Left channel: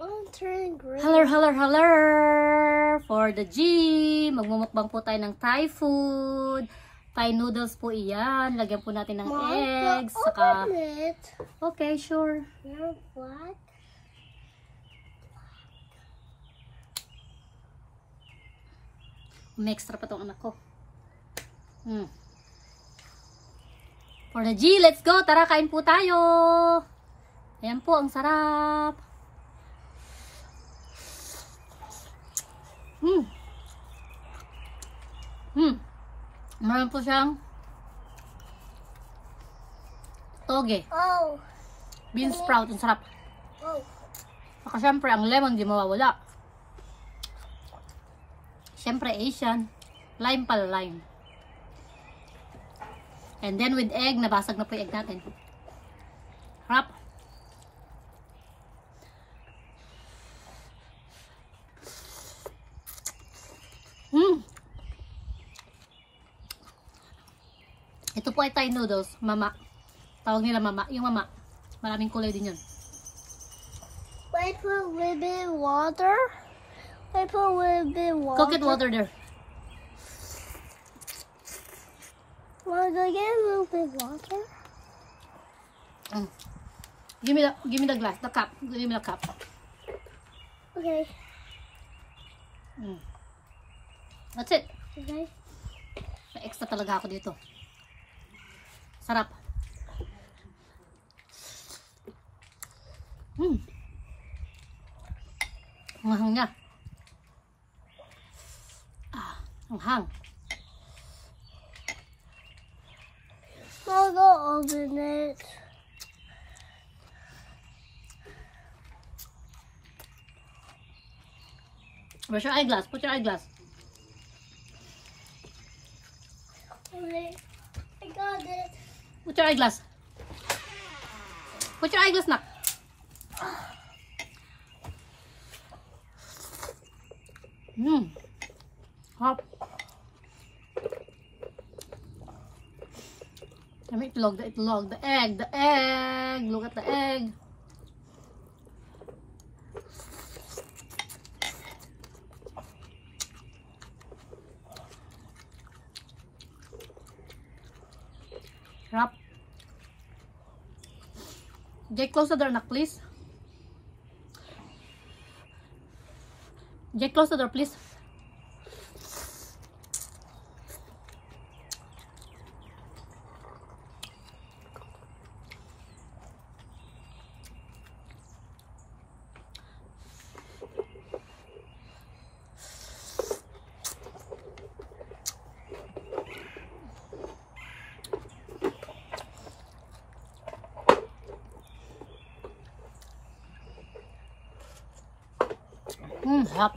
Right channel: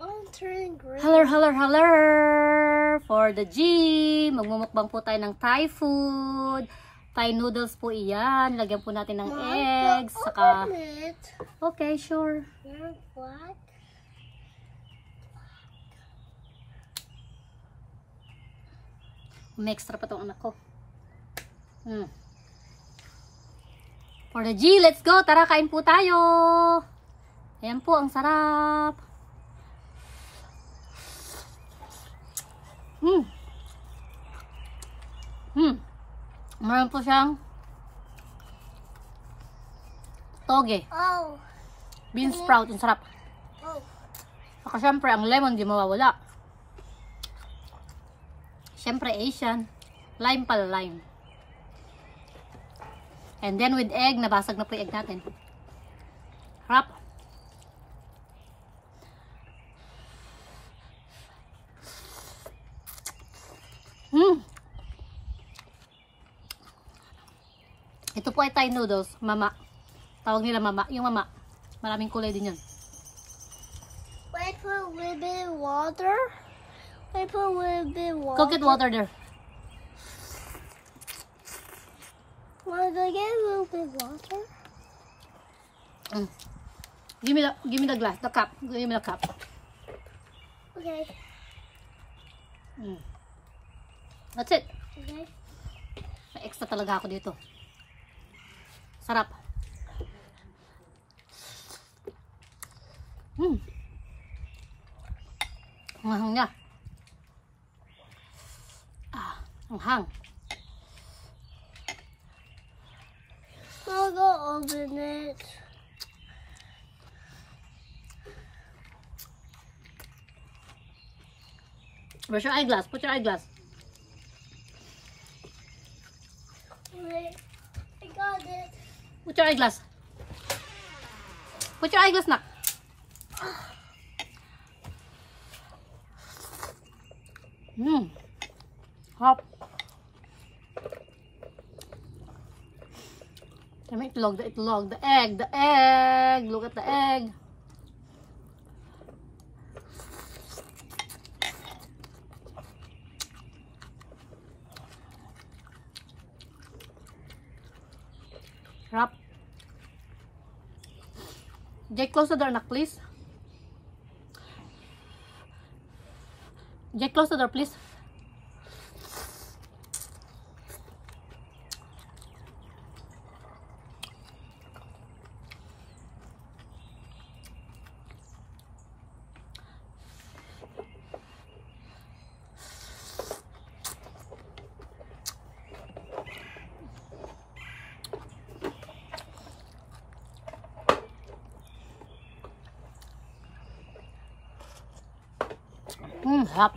I'm turning green. Hello, hello, hello! For the gym, magmumukbang po tayo ng Thai food. Thai noodles po iyan. Lagyan po natin ng eggs. Saka... Okay, sure. What? May extra pa tong anak ko. For the G, let's go! Tara, kain po tayo! Ayan po, ang sarap! Meron po siyang toge. Oh. Bean sprout, ang sarap. Oh. Saka syempre, ang lemon di mawawala. Syempre, Asian. Lime pala, lime. And then with egg, nabasag na po yung egg natin. Harap. Ito po ay Thai noodles, mama. Tawag nila mama. Yung mama. Maraming kulay din yun. Wait for a little bit of water. Wait for a little bit of water. Go get water there. Want to get a little bit of water? Give me the glass, the cup. Give me the cup. Okay. That's it. Okay. May extra talaga ako dito. Sarap. Ang hang niya. Ang hang. I'll go open it. Where's your eyeglass? Put your eyeglass. Wait. I got it. Put your eyeglass. Put your eyeglass, nak. Hop. May itlog, the itlog, the egg, the egg. Look at the egg. Wrap. Jake, close the door, nak, please. Jake, close the door, please. Sarap.